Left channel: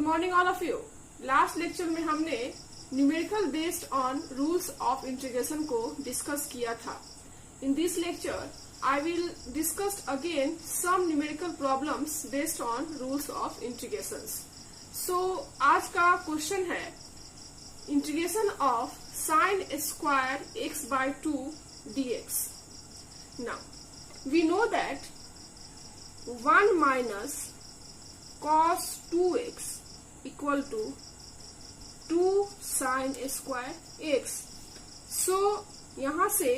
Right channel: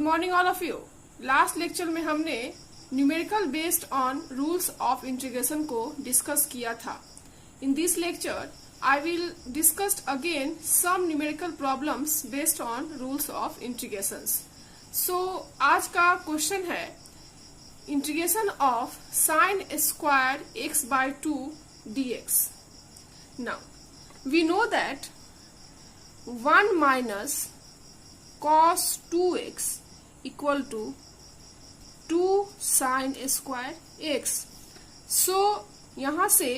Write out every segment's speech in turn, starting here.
Good morning all of you. Last lecture में हमने numerical based on rules of integration को discuss किया था। In this lecture I will discuss again some numerical problems based on rules of integration. So आज का question है integration of sine square X by 2 dx। Now we know that 1 minus cos 2x equal to 2 sin square x। So यहाँ से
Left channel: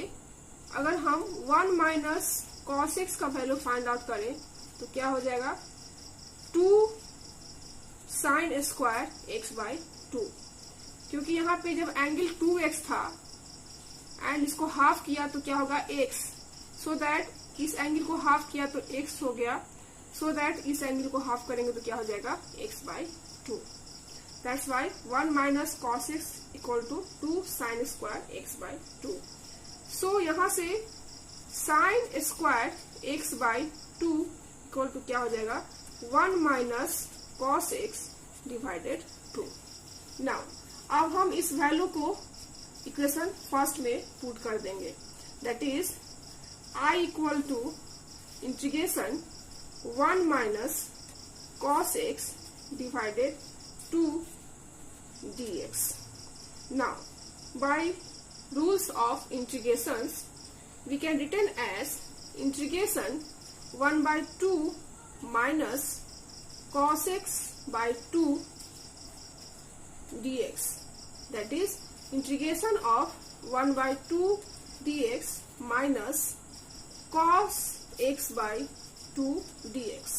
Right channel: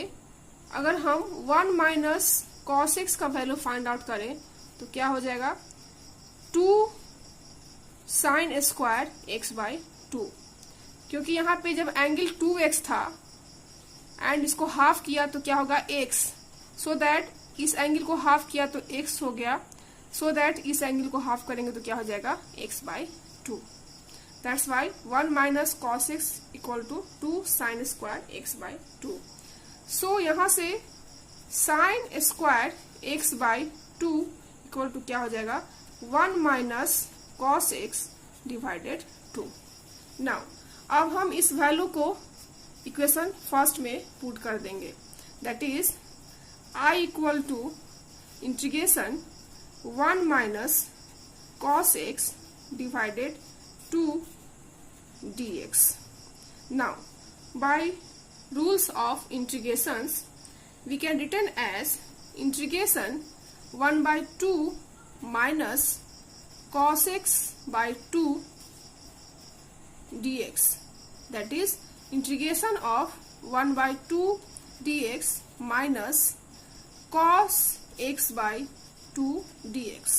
अगर हम 1 minus cos x का value find out करें तो क्या हो जाएगा 2 sin स्क्वायर x बाय 2, क्योंकि यहाँ पे जब एंगल 2x था एंड इसको हाफ किया तो क्या होगा x, सो दैट इस एंगल को हाफ किया तो x हो गया, सो दैट इस एंगल को हाफ करेंगे तो क्या हो जाएगा x by 2। That's why 1 minus cos x equal to 2 sine square x by 2। So यहाँ से sine square x by 2 equal to क्या हो जाएगा 1 minus cos x divided 2। Now अब हम इस वैल्यू को इक्वेशन फर्स्ट में पुट कर देंगे, that is I equal to integration 1 minus cos x divided 2 dx. Now, by rules of integrations, we can written as integration 1 by 2 minus cos x by 2 dx. That is integration of 1 by 2 dx minus cos x by 2 dx।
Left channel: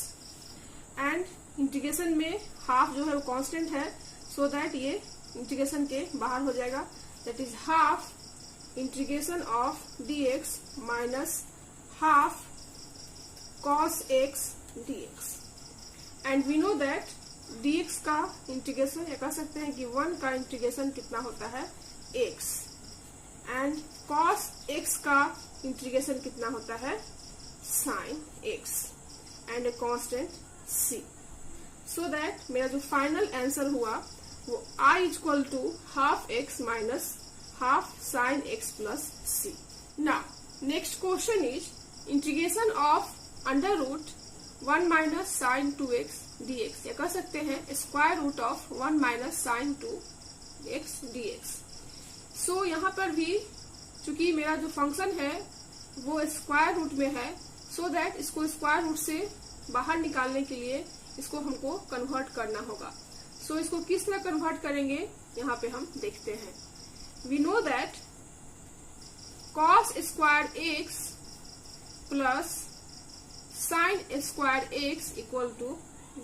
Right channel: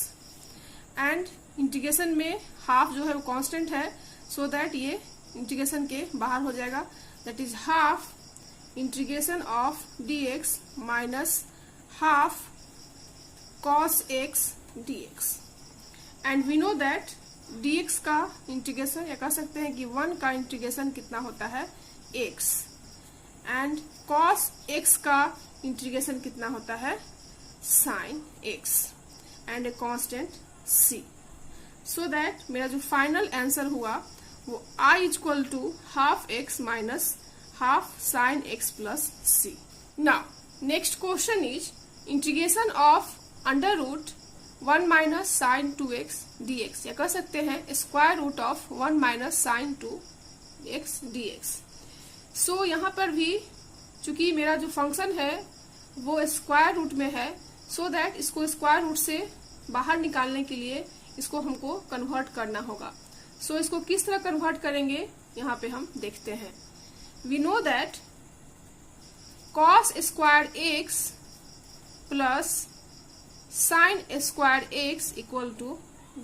And integration में half जो है वो constant है, so that ये integration के बाहर हो जाएगा, that is half integration of dx minus half cos x dx। And we know that dx का इंटीग्रेशन या कह सकते हैं कि 1 का इंटीग्रेशन कितना होता है x, एंड cos x का इंटीग्रेशन कितना होता है sin x and a constant c। So that मेरा जो फाइनल आंसर हुआ वो I equal to half x minus half sine x plus c। Now next question is integration of under root 1 minus sine 2x dx, या कह सकते हैं square root of 1 minus sine 2x dx। So यहाँ पर भी चूंकि मेरा जो फंक्शन है वो स्क्वायर रूट में है, सो दैट इसको स्क्वायर रूट से बाहर निकालने के लिए इसको हमको कन्वर्ट करना होगा। सो इसको किस तरह कन्वर्ट करेंगे यहाँ पे हम देखते हैं। We know that cos square x plus sine square x equal to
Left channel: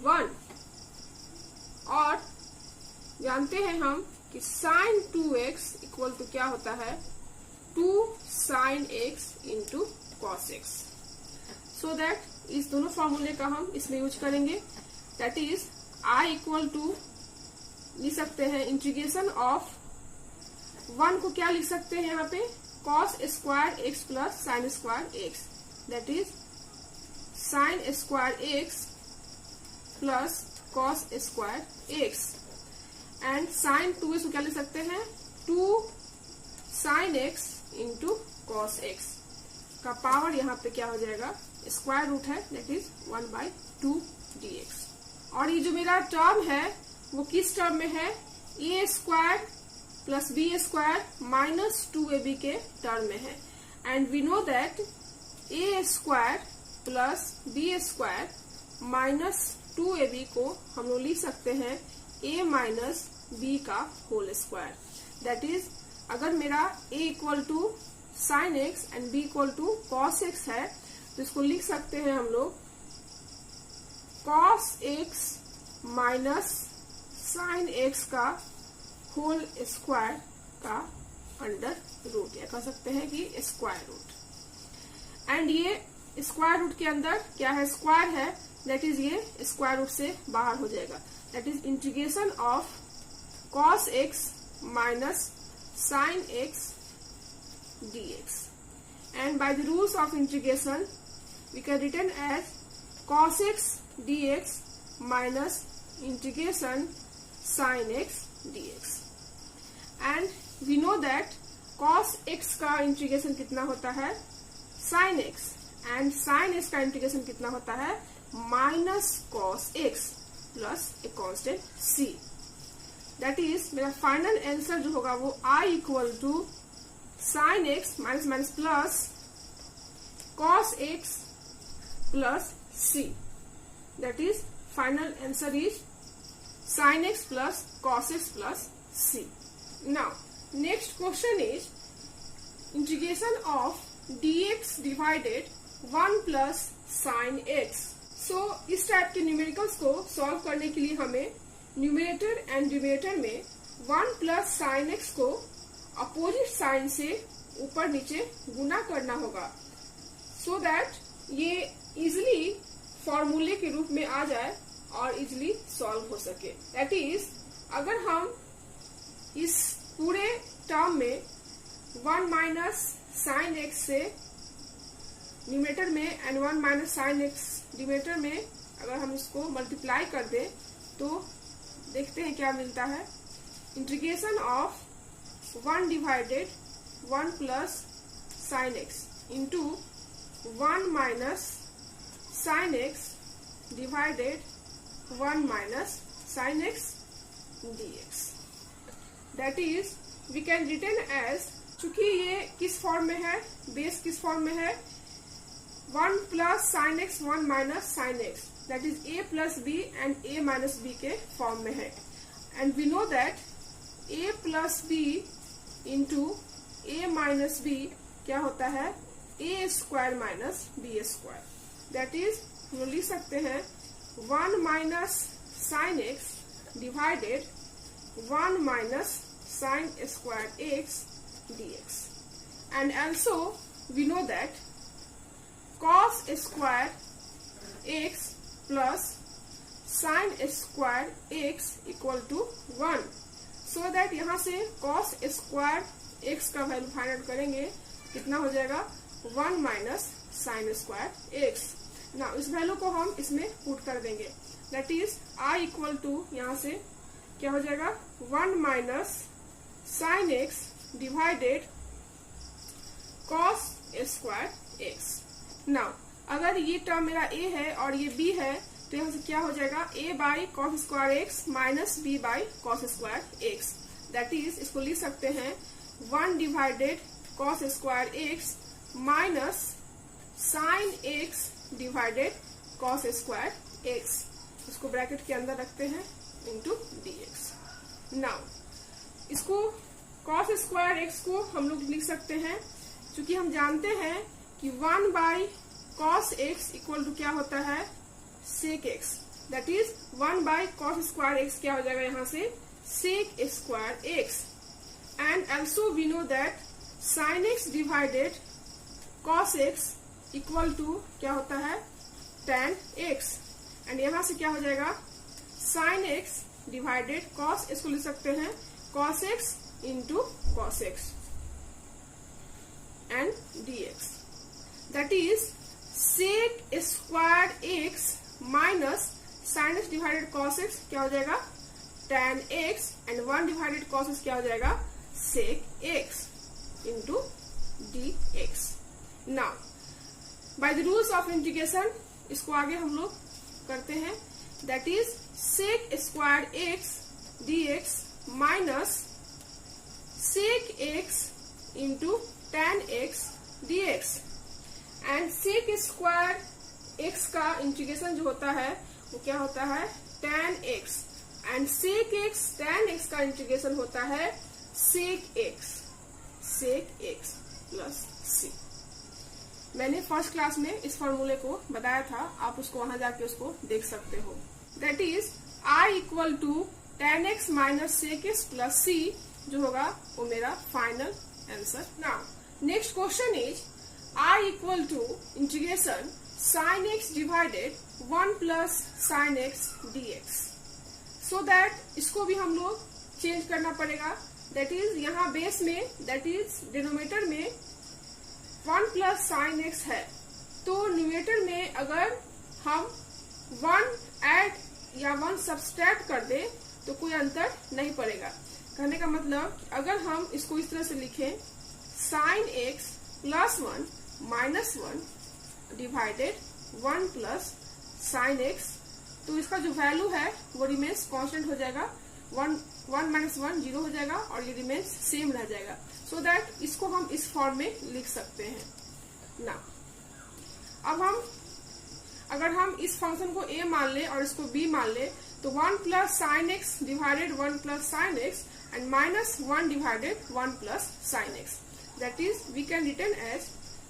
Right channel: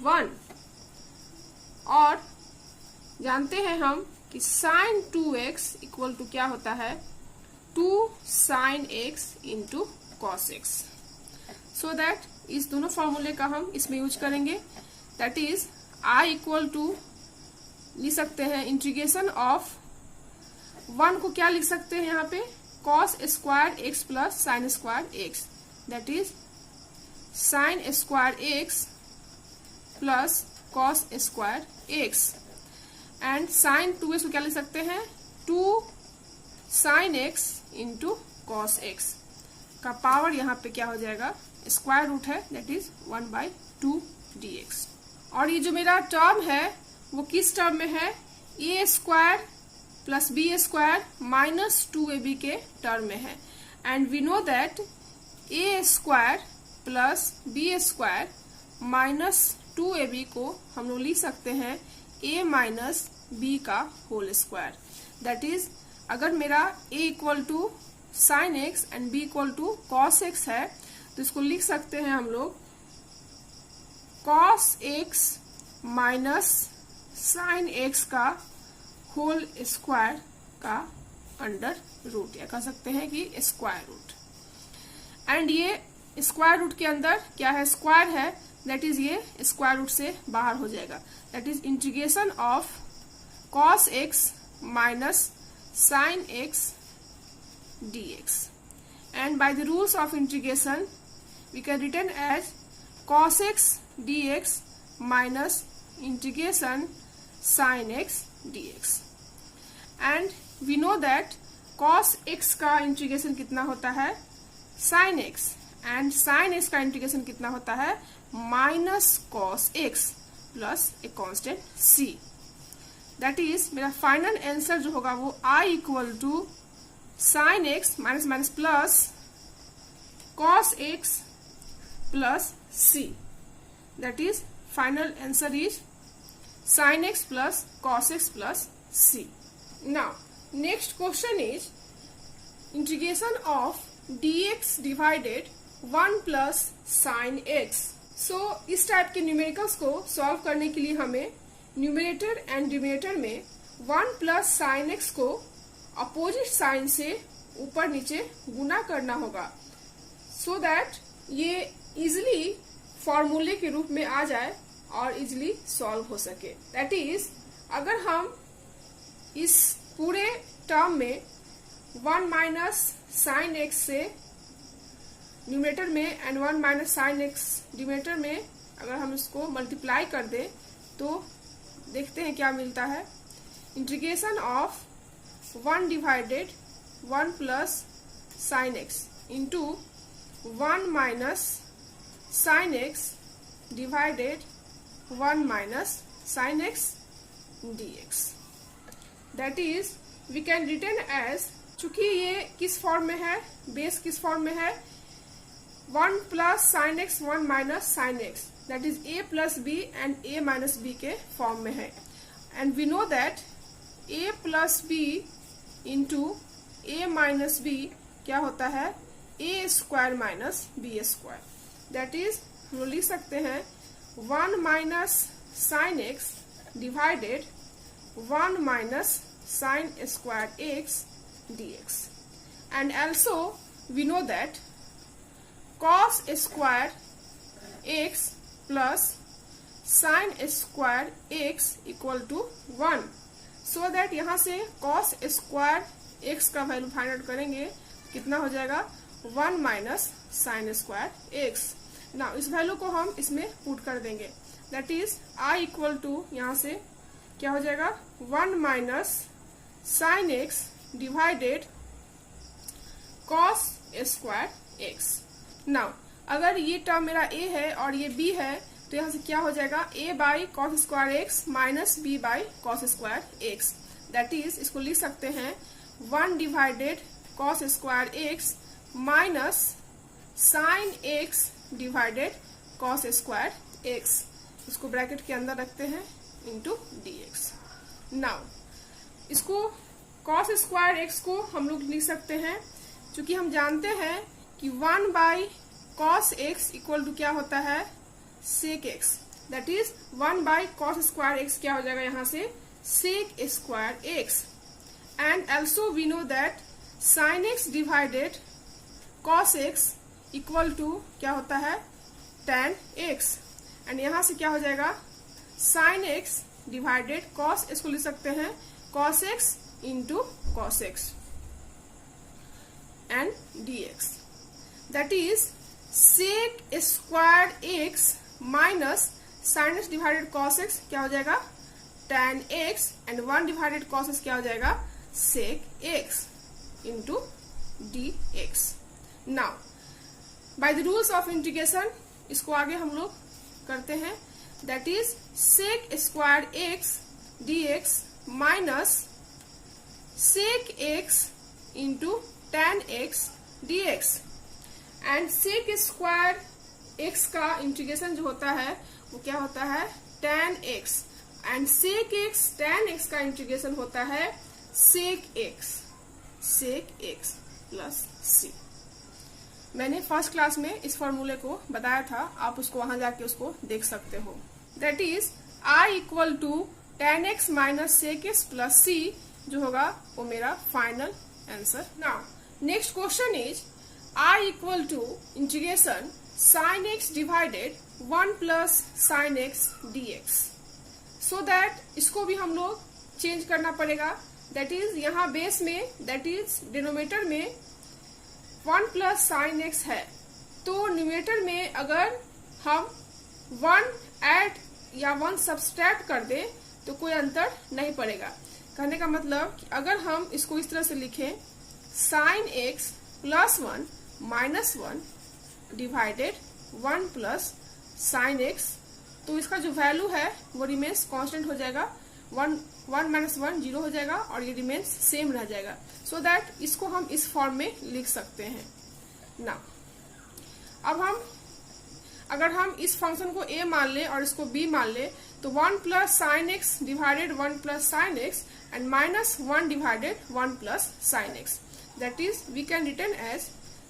1, और जानते हैं हम कि साइन 2x इक्वल टू क्या होता है 2 sine x into cos x. So that इस दोनों फॉर्मूले का हम इसमें यूज करेंगे, that is I equal to लिख सकते हैं इंटीग्रेशन ऑफ 1 को क्या लिख सकते हैं यहाँ पे cos square x plus sine square x, that is sine square x plus cos square x, and sine 2x को क्या लिख सकते हैं 2 sine x into cos x का पावर यहाँ पे क्या हो जाएगा स्क्वायर रूट है, दैट इज 1 बाय 2 dx। और ये जो मेरा टर्म है वो किस टर्म में है a square plus b square minus 2ab के टर्म में है। And we know that a square plus b square minus 2ab को हम लोग लिख सकते हैं a माइनस b का होल स्क्वायर। दैट इज अगर मेरा a equal to sine x and b equal to cos x है तो इसको लिख सकते हैं हम लोग cos x minus sine x का होल स्क्वायर का अंडर रूट, या कह सकते हैं कि स्क्वायर रूट। एंड ये स्क्वायर रूट के अंदर क्या है स्क्वायर है, दैट इज ये स्क्वायर रूट से बाहर हो जाएगा, that is integration of cos x minus sin x dx, and by the rules of integration we can written as cos x dx minus integration sin x dx and we know that cos x का integration कितना होता है sin x and sin x का integration कितना होता है minus cos x plus a constant c। That is मेरा final answer जो होगा वो I equal to sin x minus minus plus cos x plus c। That is final answer is sin x plus cos x plus c. Now, next question is integration of dx divided 1 plus sin x. So, इस type के numericals को solve करने के लिए हमें numerator and denominator में 1 plus sin x को opposite sign से ऊपर नीचे गुना करना होगा सो दैट ये इजिली फॉर्मूले के रूप में आ जाए और इजिली सॉल्व हो सके। दैट इज अगर हम इस पूरे टर्म में 1 माइनस साइन एक्स से न्यूमरेटर में and 1 minus sine x denominator में अगर हम इसको मल्टीप्लाई कर दें तो देखते हैं क्या मिलता है। Integration of 1 divided 1 plus sine x into 1 minus sine x divided 1 minus sin x dx. That is, we can written as, चूंकि ये किस फॉर्म में है, बेस किस फॉर्म में है 1 plus sin x 1 minus sin x, that is a plus b and a minus b के form में है। And we know that a plus b into a minus b क्या होता है a square minus b square। That is, हम लिख सकते हैं 1 minus sin x divided 1 minus sin square x dx. And also we know that cos square x plus sin square x equal to 1. So that यहाँ से cos square x का value find out करेंगे कितना हो जाएगा 1 minus sin square x। ना इस value को हम इसमें पुट कर देंगे। That is I equal to यहाँ से क्या हो जाएगा 1 minus sine x divided cos square x. Now अगर ये टर्म मेरा a है और ये b है तो यहाँ से क्या हो जाएगा a by cos square x minus b by cos square x. That is इसको लिख सकते हैं 1 divided cos square x minus sine x divided cos square x. इसको ब्रैकेट के अंदर रखते हैं इंटू dx। नाउ इसको कॉस स्क्वायर एक्स को हम लोग लिख सकते हैं क्योंकि हम जानते हैं कि 1 by cos x equal to क्या होता है sec x. That is 1 by cos square x क्या हो जाएगा यहाँ से sec square x. And also we know that sine x divided cos x equal to क्या होता है tan x एंड यहाँ से क्या हो जाएगा sin x डिवाइडेड cos, इसको लिख सकते हैं cos x into cos x and dx। That is sec square x minus sin x divided cos x क्या हो जाएगा tan x and 1 divided cos x क्या हो जाएगा sec x into dx। Now by the rules of integration इसको आगे हम लोग करते हैं। That is sec square x dx minus sec x into tan x dx। And sec square x का इंटीग्रेशन जो होता है वो क्या होता है tan x and sec x tan x का इंटीग्रेशन होता है सेक x प्लस c। मैंने फर्स्ट क्लास में इस फॉर्मूले को बताया था, आप उसको वहां जाके उसको देख सकते हो। That is I equal to tan x minus sec x plus c जो होगा वो मेरा final answer. Now next question is I equal to integration sin x divided 1 plus sin x dx। So that इसको भी हम लोग change करना पड़ेगा। दैट इज यहाँ बेस में दैट इज डिनोमिनेटर में 1 प्लस साइन एक्स है तो न्यूमरेटर में अगर हम 1 ऐड या 1 सब्सट्रैक्ट कर दे तो कोई अंतर नहीं पड़ेगा। कहने का मतलब अगर हम इसको इस तरह से लिखें sin x plus 1 minus 1 divided 1 plus sin x, तो इसका जो वैल्यू है वो रिमेन्स कांस्टेंट हो जाएगा, 1 माइनस 1 0 हो जाएगा और ये रिमेन्स सेम रह जाएगा। सो दैट इसको हम इस फॉर्म में लिख सकते हैं ना। अब अगर हम इस फंक्शन को a मान ले और इसको b मान ले तो 1 plus sine x divided 1 plus sine x and minus 1 divided 1 plus sine x, that is we can return as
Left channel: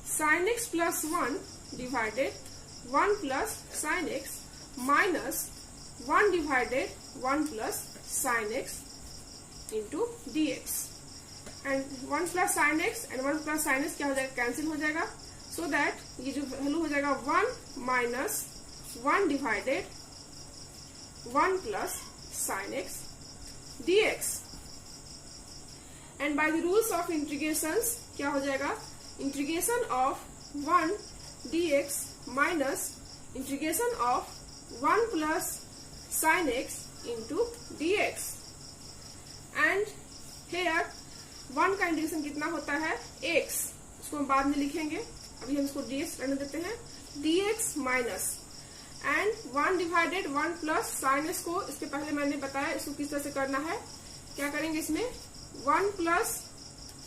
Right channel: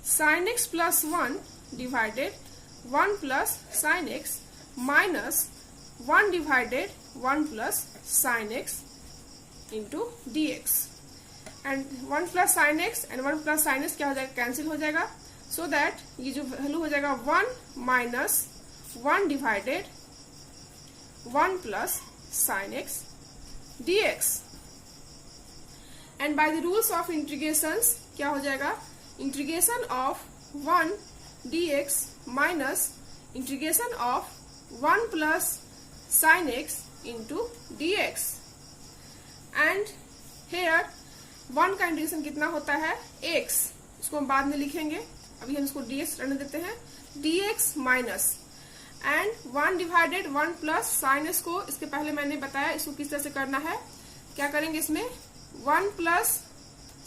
sine x plus 1 divided 1 plus sine x minus 1 divided 1 plus sine x into d x, and 1 plus sine x and 1 plus sine x क्या हो जाएगा, cancel हो जाएगा। So that ये जो value हो जाएगा 1 minus 1 divided 1 plus sine x d x, and by the rules of integrations क्या हो जाएगा, integration of 1 d x minus integration of 1 plus sine x into d x, and here 1 का integration कितना होता है x, उसको हम बाद में लिखेंगे, अभी हम इसको dx रहने देते हैं, dx minus and 1 divided 1 plus sine x को इसके पहले मैंने बताया इसको किस तरह से करना है। क्या करेंगे इसमें 1 प्लस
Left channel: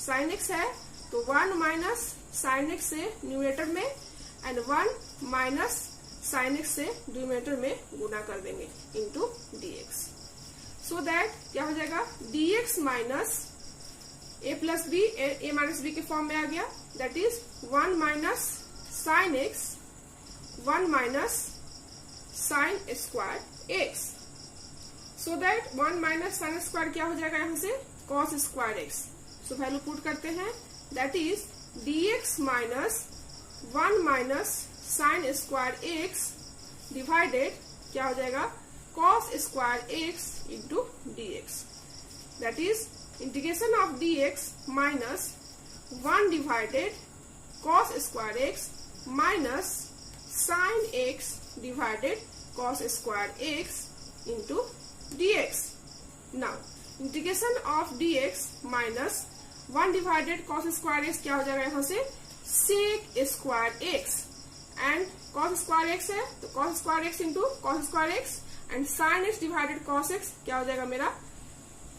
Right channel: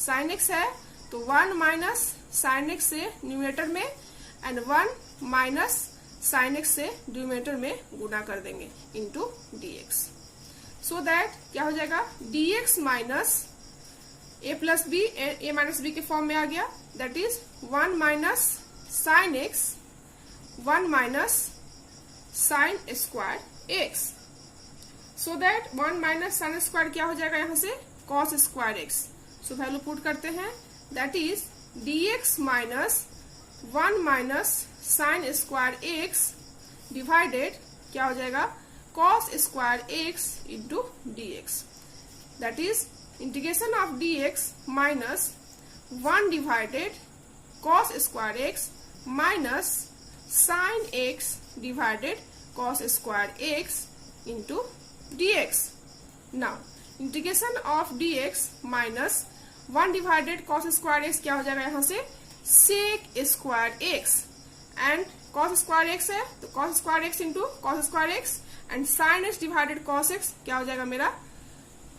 साइन एक्स है तो 1 माइनस साइन एक्स से न्यूमरेटर में एंड 1 माइनस साइन एक्स से डिनोमिनेटर में गुना कर देंगे इंटू dx, सो दैट क्या हो जाएगा dx minus a plus b a minus b के फॉर्म में आ गया, that is 1 minus sine x 1 minus sine square x, so that 1 minus sine square क्या हो जाएगा यहाँ से cos square x. So value put करते हैं, that is dx minus 1 minus sine square x divided क्या हो जाएगा cos square x into dx, that is integration of dx minus 1 divided cos square x minus sine x divided cos square x into dx। Now integration of dx minus 1 divided cos square x क्या हो जाएगा यहाँ से sec square x, and cos square x है तो cos square x into cos square x, and sine x divided cos x क्या हो जाएगा मेरा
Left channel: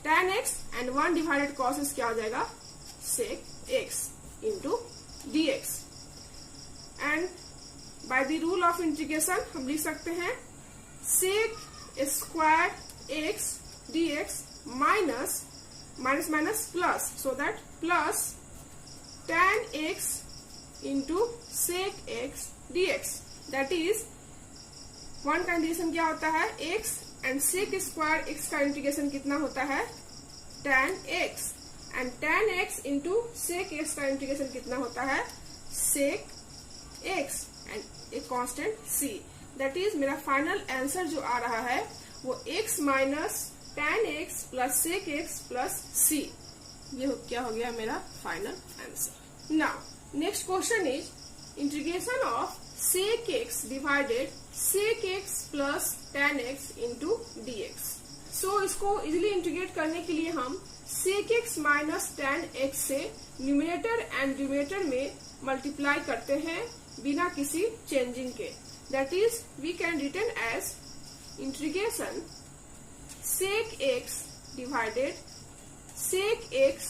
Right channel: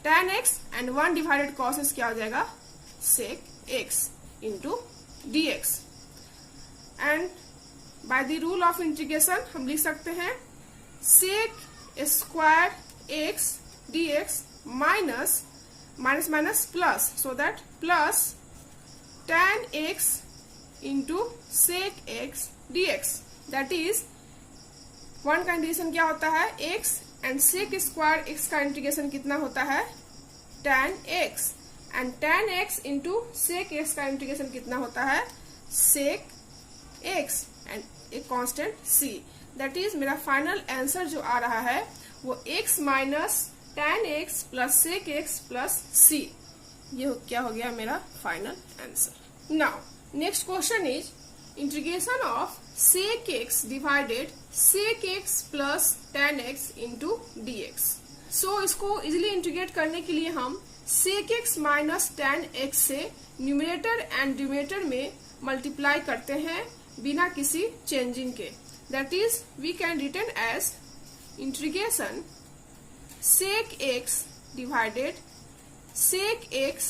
tan x, and 1 divided cos x क्या हो जाएगा sec x into dx, and by the rule of integration हम लिख सकते हैं sec square x dx minus minus minus plus, so that plus tan x into sec x dx, that is 1 का integration क्या होता है x and sec square x का integration कितना होता है tan x, and tan x into sec x का integration कितना होता है sec x, एंड एक कांस्टेंट c, दैट इज मेरा फाइनल आंसर जो आ रहा है वो x minus tan x plus sec x plus c, ये क्या हो गया मेरा final answer. Now next question is integration of sec x divided sec x plus tan x into dx। So इसको इजिली इंटीग्रेट करने के लिए हम sec x minus tan x से न्यूमरेटर एंड डिनोमिनेटर में मल्टीप्लाई करते हैं बिना किसी चेंजिंग के, that is we can return as integration sec x divided sec x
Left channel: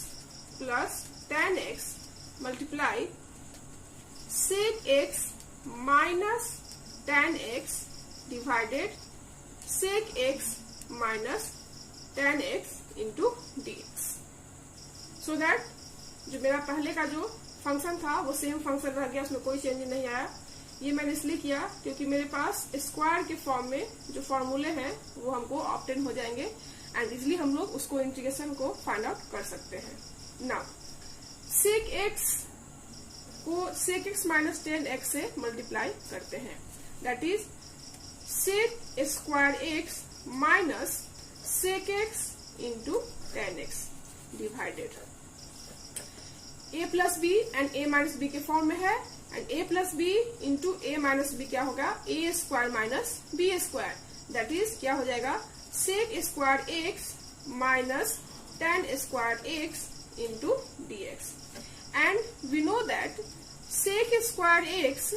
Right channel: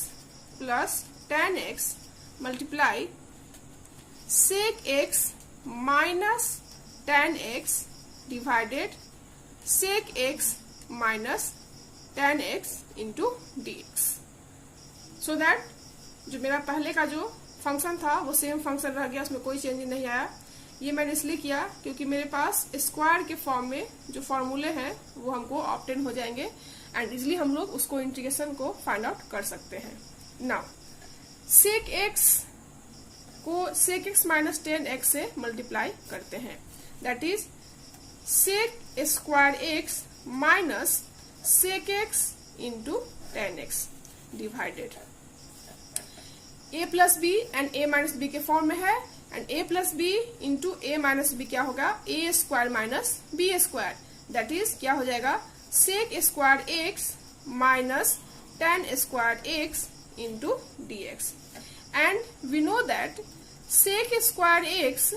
plus tan x multiply sec x minus tan x divided sec x minus tan x into dx, so that जो मेरा पहले का जो function था वो same function रह गया, उसमें कोई चेंज नहीं आया। ये मैंने इसलिए किया क्योंकि मेरे पास स्क्वायर के फॉर्म में जो फॉर्मूले हैं वो हमको ऑब्टेन हो जाएंगे एंड इजिली हम लोग उसको इंटीग्रेशन को फाइंड आउट कर सकते हैं। नाउ sec x को sec x minus tan x से मल्टीप्लाई करते हैं, that is sec square x minus sec x into tan x divided a plus b and a minus b के form में है, and a plus b into a minus b क्या होगा a square minus b square, that is क्या हो जाएगा sec square x minus tan square x into dx. And we know that sec square x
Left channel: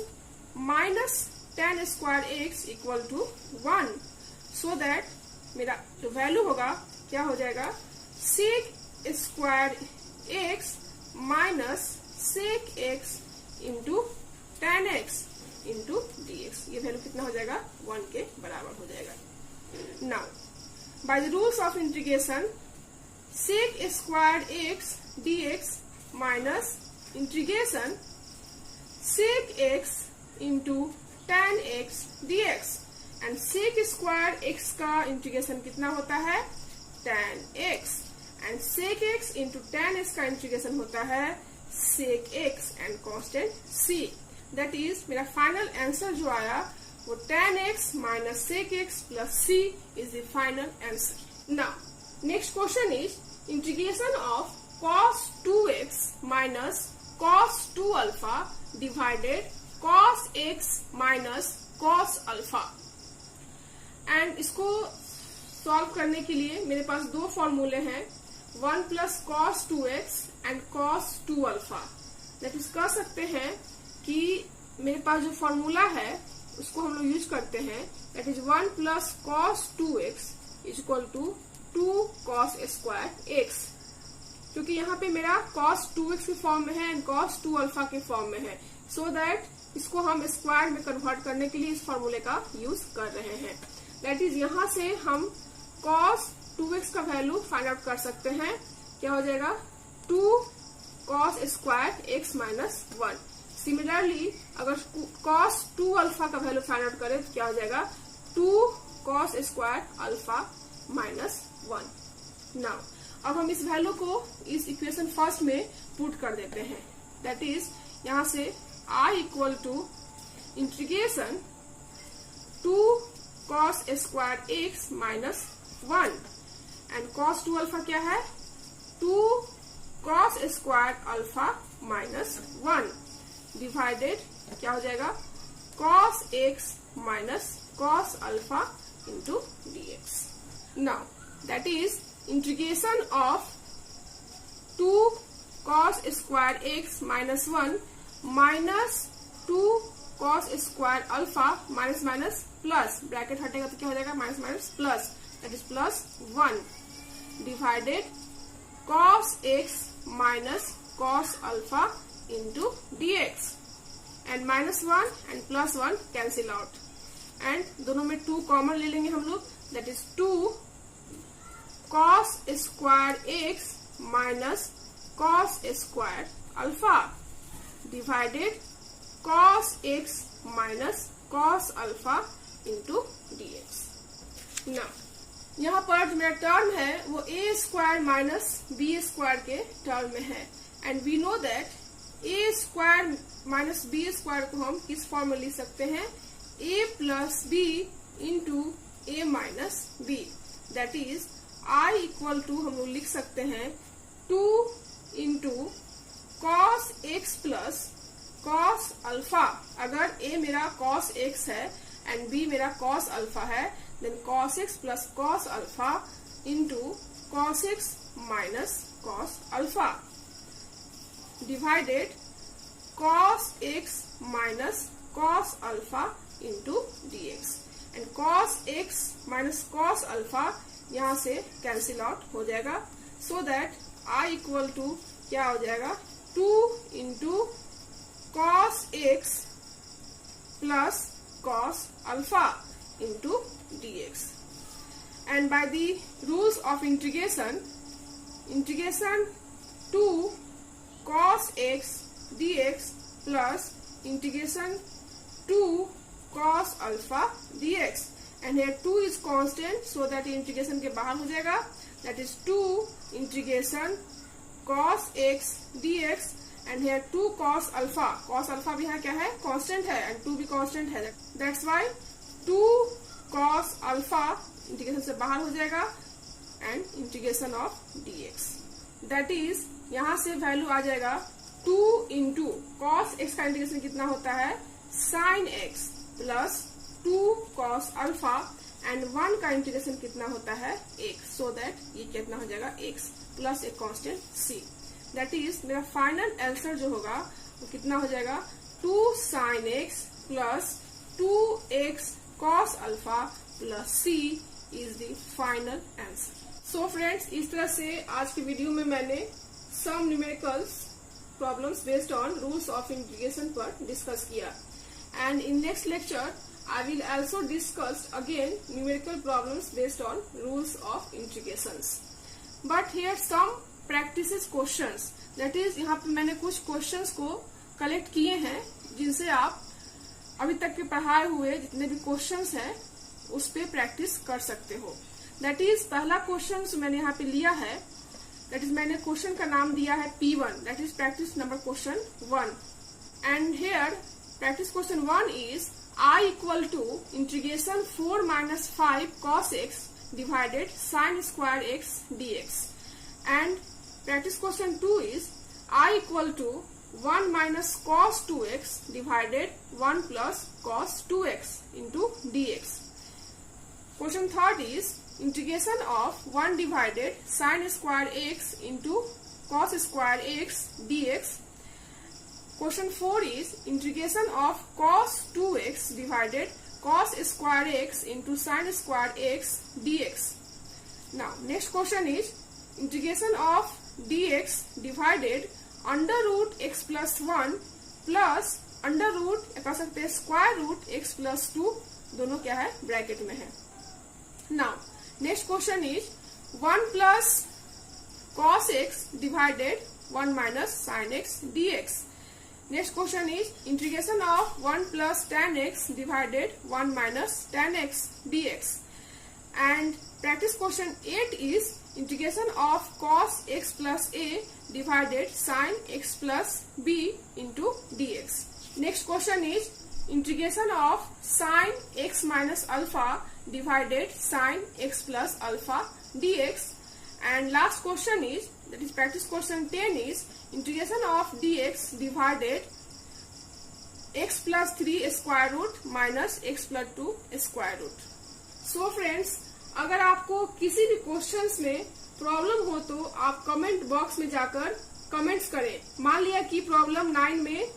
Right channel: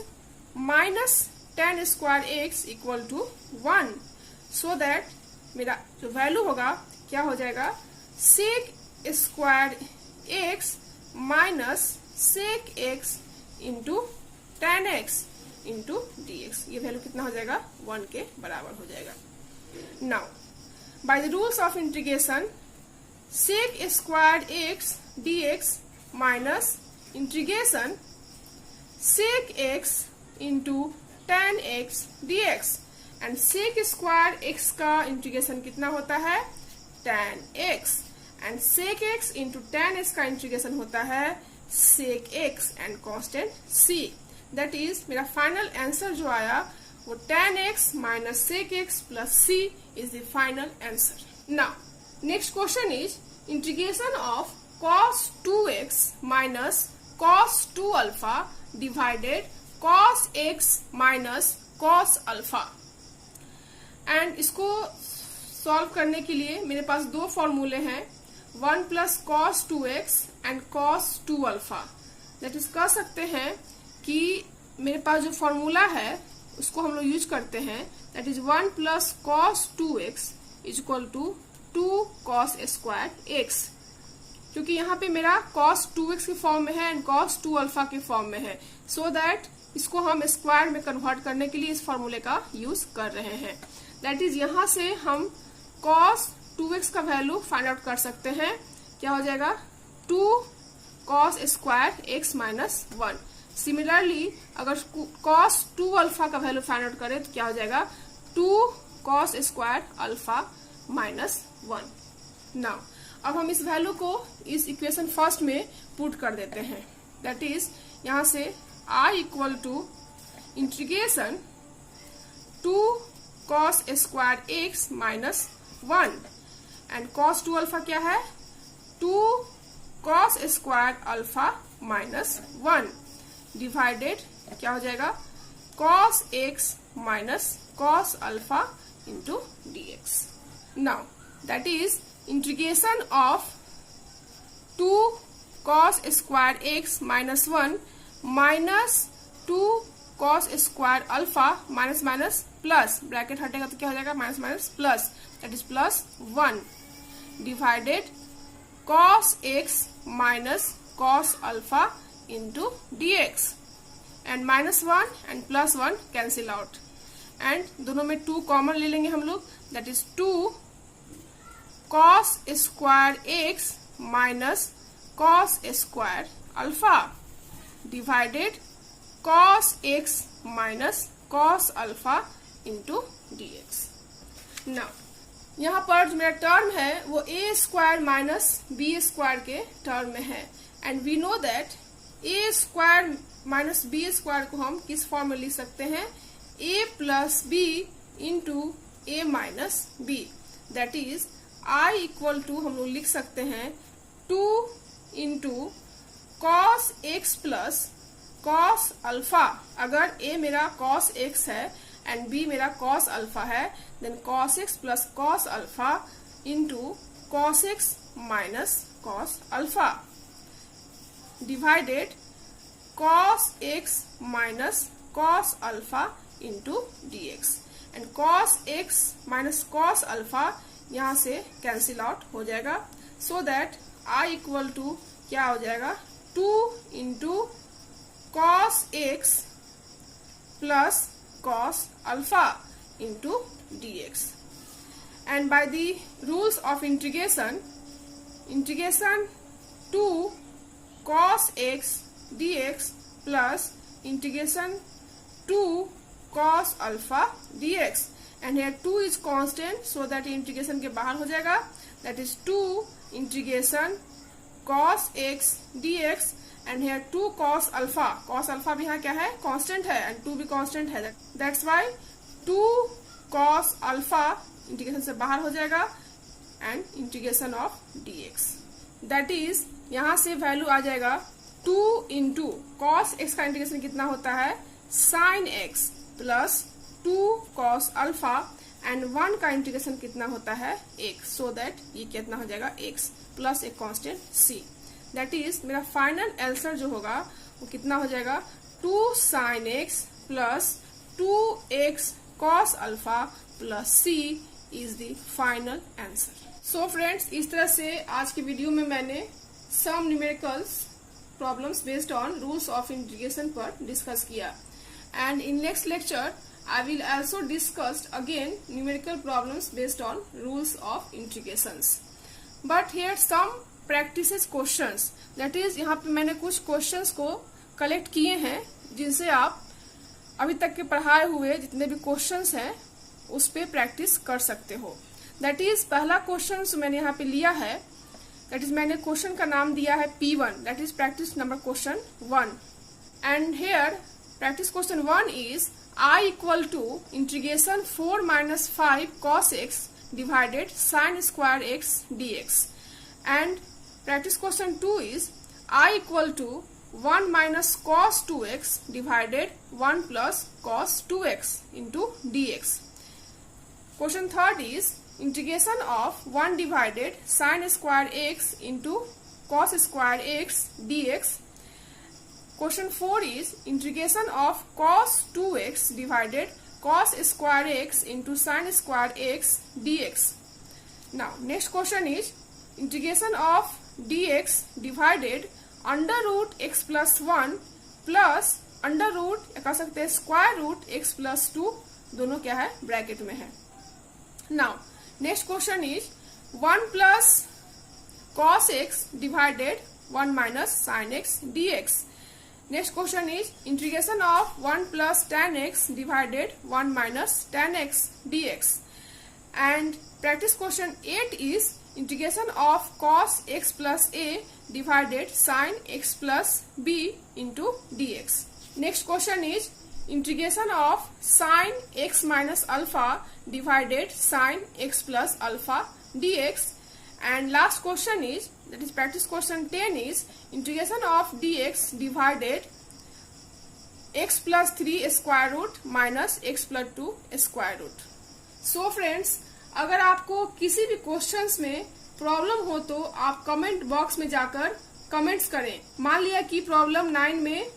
minus tan square x equal to 1, so that मेरा जो value होगा क्या हो जाएगा sec square x minus sec x into tan x into dx. ये value कितना हो जाएगा 1 के बराबर हो जाएगा. Now by the rules of integration sec square x dx minus integration sec x into tan x dx. And sec square x का integration कितना होता है tan x, and sec x into tan x का integration होता है sec x and constant c. That is मेरा final answer जो आया वो tan x minus sec x plus c is the final answer. Now next question is integration of cos 2x minus cos 2 alpha divided cos x minus cos alpha. And इसको solve करने के लिए मेरे पास दो फॉर्मूले हैं, 1 plus cos 2x and cos 2 alpha. That is कह सकते हैं कि मेरे पास जो फॉर्मूला है उसको हम लोग यूज करते हैं. That is 1 plus cos 2x is equal to 2 cos square x. क्योंकि यहाँ पे मेरा cos 2x के फॉर्म में है एंड cos 2 अल्फा के फॉर्म में है, सो दैट इसको हम स्क्वायर में कन्वर्ट करने के लिए इस फॉर्मूले का यूज कर रहे हैं. दैट इज यहाँ से हम cos 2x का वैल्यू फाइंड आउट कर सकते हैं. क्या हो जाएगा 2 cos square x minus 1. Similarly अगर cos 2 अल्फा का वैल्यू फाइंड आउट करें तो क्या हो जाएगा 2 cos square alpha minus 1. Now अब हम इस वैल्यू को इस इक्वेशन फर्स्ट में पुट कर देते हैं. दैट इज यहाँ से I equal to integration 2 cos square x minus 1 and cos 2 alpha क्या है 2 cos square alpha minus 1 divided क्या हो जाएगा cos x minus cos alpha into dx. Now that is integration of 2 cos square x minus 1 minus 2 cos square alpha minus minus plus, bracket हटेगा तो क्या हो जाएगा minus minus plus, that is plus 1 divided cos x minus cos alpha into dx. And minus 1 and plus 1 cancel out and दोनों में 2 common ले लेंगे हम लोग. That is 2 cos square x minus cos square alpha divided cos x minus cos alpha into dx. Now यहाँ पर जो मेरा टर्म है वो a square minus b square के टर्म में है. And we know that a square minus b square को हम किस फॉर्म में लिख सकते हैं a plus b into a minus b. That is I equal to हम लोग लिख सकते हैं 2 into cos x plus cos alpha. अगर a मेरा cos x है एंड b मेरा cos अल्फा है then cos x plus cos alpha into cos x minus cos alpha divided cos x minus cos alpha into dx. And cos x minus cos alpha यहाँ से cancel out हो जाएगा, so that I equal to क्या हो जाएगा 2 into cos x plus cos alpha into dx. And by the rules of integration 2 cos x dx plus integration 2 cos alpha dx. And here 2 is constant, so that integration के बाहर हो जाएगा. That is 2 integration cos x dx and here 2 cos alpha. cos alpha भी यहाँ क्या है constant है and 2 भी कांस्टेंट है. That's why 2 cos alpha integration से बाहर हो जाएगा and integration of dx. That is यहाँ से वैल्यू आ जाएगा 2 इंटू cos x का इंटीग्रेशन कितना होता है sin x plus 2 cos alpha and 1 का इंटीग्रेशन कितना होता है 1, सो दैट ये कितना हो जाएगा x प्लस एक कांस्टेंट c। दैट इज मेरा फाइनल आंसर जो होगा वो कितना हो जाएगा 2 sin x plus 2x cos alpha plus c is the final answer. So friends, इस तरह से आज की वीडियो में मैंने some numericals problems based on rules of integration पर डिस्कस किया, and in next lecture I will also discuss again numerical problems based on rules of integrations. But here some practices questions, that is यहाँ पे मैंने कुछ questions को collect किए हैं जिनसे आप अभी तक के पढ़ाए हुए जितने भी क्वेश्चंस हैं उस पे प्रैक्टिस कर सकते हो। दैट इज पहला क्वेश्चन मैंने यहाँ पे लिया है, दैट इज मैंने क्वेश्चन का नाम दिया है P1, that is practice number question 1। And here practice question 1 is I equal to integration 4 minus 5 cos x divided sin square x dx, and practice question 2 is I equal to 1 minus cos 2x divided 1 plus cos 2x into dx. Question 3 is integration of 1 divided sin square x into cos square x dx. Question 4 is integration of cos 2x divided cos square x into sin square x dx. Now next question is integration of dx divided under root x plus 1 plus under root कह सकते हैं square root x plus 2, दोनों क्या है bracket में है। Now next question is 1 plus cos x divided 1 minus sin x dx. Next question is integration of 1 plus tan x divided 1 minus tan x dx. And practice question 8 is integration of cos x plus a divided sin x plus b into dx. Next question is integration of sin x minus alpha divided sin x plus alpha dx. And last question is, that is practice question 10 is integration of dx divided x plus 3 square root minus x plus 2 square root. So friends, अगर आपको किसी भी questions में problem हो तो आप comment box में जाकर कमेंट्स करें। मान लिया कि प्रॉब्लम 9 में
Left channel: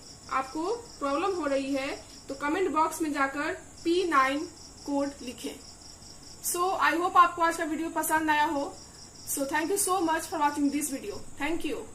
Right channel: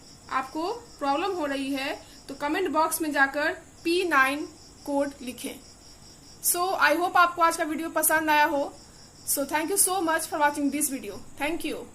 आपको प्रॉब्लम हो रही है तो कमेंट बॉक्स में जाकर P9 कोड लिखें। सो आई होप आपको आज का वीडियो पसंद आया हो। So thank you so much for watching this video. Thank you.